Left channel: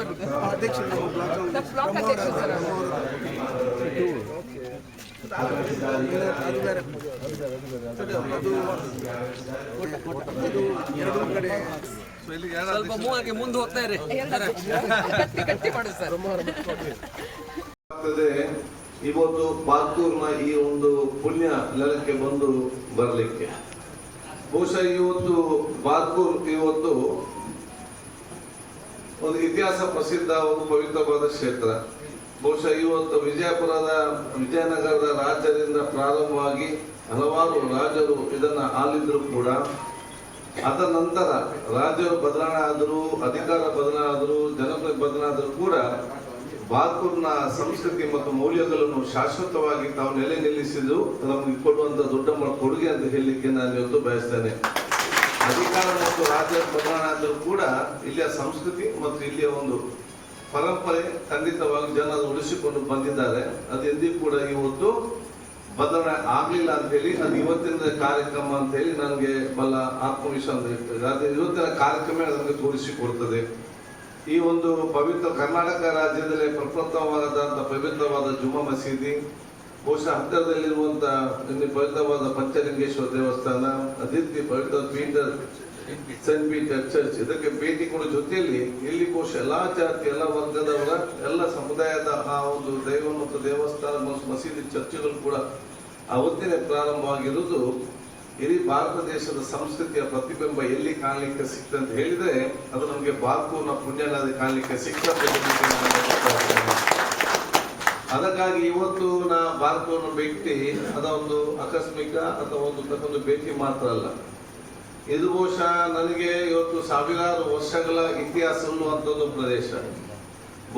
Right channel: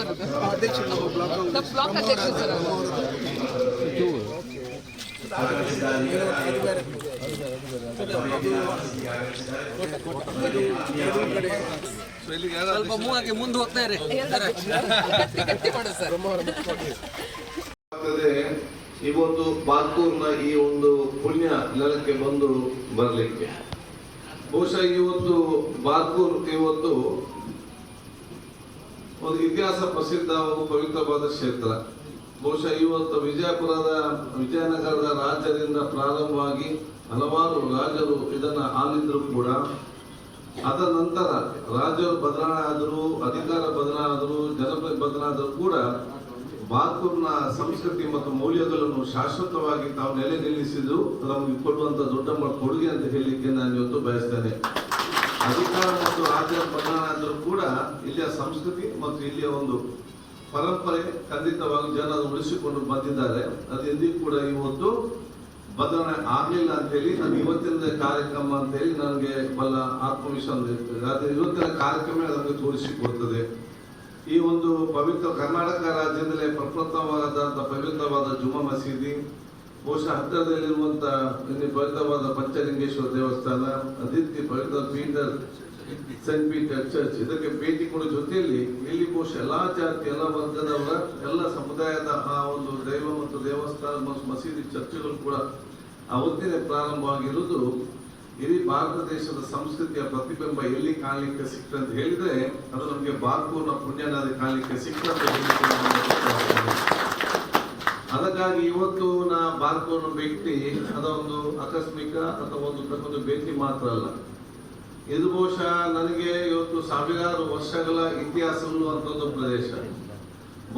ಬರುದು? ಅಧ್ಯಕ್ಷ ನಮ್ಮ ಬ್ಲಾಕ್ ಅಧ್ಯಕ್ಷ ಸರ್. ಅದು ಬೇರೆ ಎರಡು ಕಡೆ ಸ್ವಲ್ಪ ಮೂವಾಗಿ ಮುಂದೆ ಹೋಗ್ತಾ ಇರಿ. ಗಟ್ಟಿ ಮಾಡು ಸರ್. ಇವತ್ತು ಬಾತೂರ್ನ ಈ ಒಂದು ಪುಣ್ಯ ನೆಲಕ್ಕೆ ಬಂದು ಬರಲಿಕ್ಕೆ ಬಹುಶಃ ಇವತ್ತು ಬಾತೂರ್ ಇವತ್ತು ಒಂದು ಇತಿಹಾಸ ಪ್ರಸಿದ್ಧ ಒಂದು ಪವಿತ್ರವಾದ ಕ್ಷೇತ್ರ. ಬಹುಶಃ ಇವತ್ತು ವಿಜಯನಗರದ ರಾಜ್ಯದಿಂದ ಪ್ರಾರಂಭವಾಗಿ ಹಲವಾರು ರಾಜರು ಇದನ್ನ ಆಳಿದ್ರು ಕೂಡ ಅದ ನಂತರ ರಾಜ್ಯರು ಬದಲಾವಣೆ ಆದರೂ, ಅಧಿಕಾರ ಬದಲಾವಣೆ ಆದರೂ, ಜನಪ್ರತಿನಿಧಿ ಬದಲಾವಣೆ ಆದರೂ ಕೂಡ ಬಾತೂರ್ನ ಸಂಸ್ಕೃತಿ ಮತ್ತು ಮೌಲ್ಯಗಳನ್ನು ಶಾಶ್ವತವಾಗಿ ತಾವು ನೆಲೆ ನಿಲ್ಲಿಸಿದ್ದು ನಮಗೆ ಕೊಡುವಂತ ದೊಡ್ಡ ಕೊಡುಗೆ ಅಂತ ಹೇಳಲಿಕ್ಕೆ ನಾನು ಇವತ್ತು ಬಯಸ್ತೇನೆ. ಅಧಿಕಾರ ಮತ್ತು ರಾಜ್ಯ ಬದಲಾವಣೆ ಆದರೂ ಕೂಡ ಇಲ್ಲಿಯ ಸಂಸ್ಕೃತಿ ಮತ್ತು ಇಲ್ಲಿಯ ಒಂದು ಪರಂಪರೆ ಖಂಡಿತವಾಗಿ ಜನ ಉಳಿಸಿಕೊಂಡು ಬಂದಿದ್ದಾರೆ. ಅದು ಎಂದಿಗೂ ಕೂಡ ಇವತ್ತು ಬದಲಾವಣೆ ಆಗಲಿಲ್ಲ ಅಂತ ಹೇಳಿ ಅದು ಇವತ್ತಿನ ಕಾರ್ಯಕ್ರಮ ಅಂತ ಹೇಳಿ ನನಗೆ ಬಲ್ಲ ಆತ್ಮವಿಶ್ವಾಸ ಇರ್ತದೆ. ಅದು ಇವತ್ತಿನ ಕಾರ್ಯಕ್ರಮ ನಮಗೆ ತೋರಿಸಿಕೊಡ್ತದೆ. ಈ ಒಂದು ಪವಿತ್ರ ಕರ್ನಾಟಕ ರಾಜ್ಯದಲ್ಲಿ ಪ್ರಪ್ರಥಮವಾದಂತಹ ಪವಿತ್ರವಾದ ಜುಮ್ಮಾ ಮಸೀದಿ, ಬಹುಶಃ ಹತ್ತಿರದಲ್ಲಿರುವಂತಹ ಪವಿತ್ರವಾದ ಪಂಚಲಿಂಗೇಶ್ವರ ದೇವಸ್ಥಾನ, ಅದೇ ಪವಿತ್ರ ಪೀಟರ್ ಸೆಂಟ್ ಪೀಟರ್ ಚರ್ಚ್, ಇದಕ್ಕೆ ಭೇಟಿ ಕೊಡೋ ಜೊತೆಯಲ್ಲಿ ಇಲ್ಲಿ ಬಹುಶಃ ಎಲ್ಲಾ ಜಾತಿ, ಎಲ್ಲ ವರ್ಗದವರ, ಎಲ್ಲ ಸಮುದಾಯದ ಆ ಒಂದು ದೈವ ಮತ್ತು ದೇವಸ್ಥಾನ ಮತ್ತು ಮಸೀದಿ ಚರ್ಚ್ಗಳು ಕೂಡ ಅವತ್ತಿನೇ ಪ್ರಾರಂಭವಾಗಿರುವುದು ಇಡೀ ಭಾರತ ದೇಶದ ಸಂಸ್ಕೃತಿಯ ಪ್ರತಿಬಿಂಬ ಎಲ್ಲಿ ಕಾಣಲಿಕ್ಕೆ ಸಿಕ್ತಂತ ಹೇಳಿದ್ರೆ ಅದು ನಮಗೆ ಬಾತೂರ್ನ ಪುಣ್ಯನದಿ ಕಾಣಲಿಕ್ಕೆ ಸಿಕ್ತಂತ ಅದಕ್ಕಾಗಿ ಇವತ್ತು ನಾ ಬಾತೂರ್ನ ಭೇಟಿ ಅದೊಂದು ಆಕಸ್ಮಿಕ ಅಥವಾ ಒಂದು ಭೇಟಿ ಮಾತ್ರ ಅಲ್ಲ. ಇದು ಬಹುಶಃ ನನಗೆ ಇವತ್ತು ಸಾವಿರಾರು ವರ್ಷಗಳ ಇತಿಹಾಸ ಇರುವಂತದ್ದು ಪ್ರದೇಶ.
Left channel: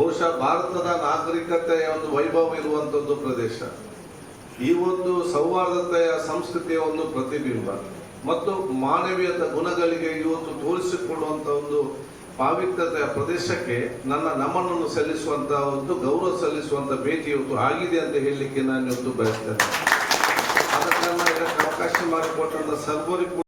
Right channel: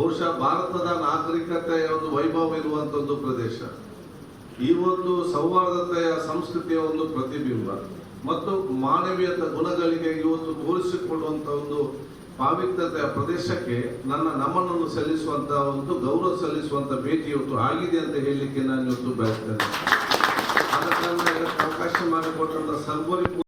ಬಹುಶಃ ಭಾರತದ ನಾಗರಿಕತೆಯ ಒಂದು ವೈಭವ ಇರುವಂತದ್ದು ಪ್ರದೇಶ. ಈ ಒಂದು ಸೌಹಾರ್ದತೆಯ ಸಂಸ್ಕೃತಿಯ ಒಂದು ಪ್ರತಿಬಿಂಬ ಮತ್ತು ಮಾನವೀಯತ ಗುಣಗಳಿಗೆ ಇವತ್ತು ತೋರಿಸಿಕೊಡುವಂತ ಒಂದು ಪಾವಿತ್ರತೆಯ ಪ್ರದೇಶಕ್ಕೆ ನನ್ನ ನಮನನ್ನು ಸಲ್ಲಿಸುವಂತಹ ಒಂದು ಗೌರವ ಸಲ್ಲಿಸುವಂತ ಭೇಟಿ ಇವತ್ತು ಆಗಿದೆ ಅಂತ ಹೇಳಲಿಕ್ಕೆ ನಾನು ಇವತ್ತು ಬಯಸ್ತೇನೆ. ಅದಕ್ಕೆ ಇದಕ್ಕೆ ಅವಕಾಶ ಮಾಡಿಕೊಟ್ಟಂತ ಸರ್ವರಿಗೂ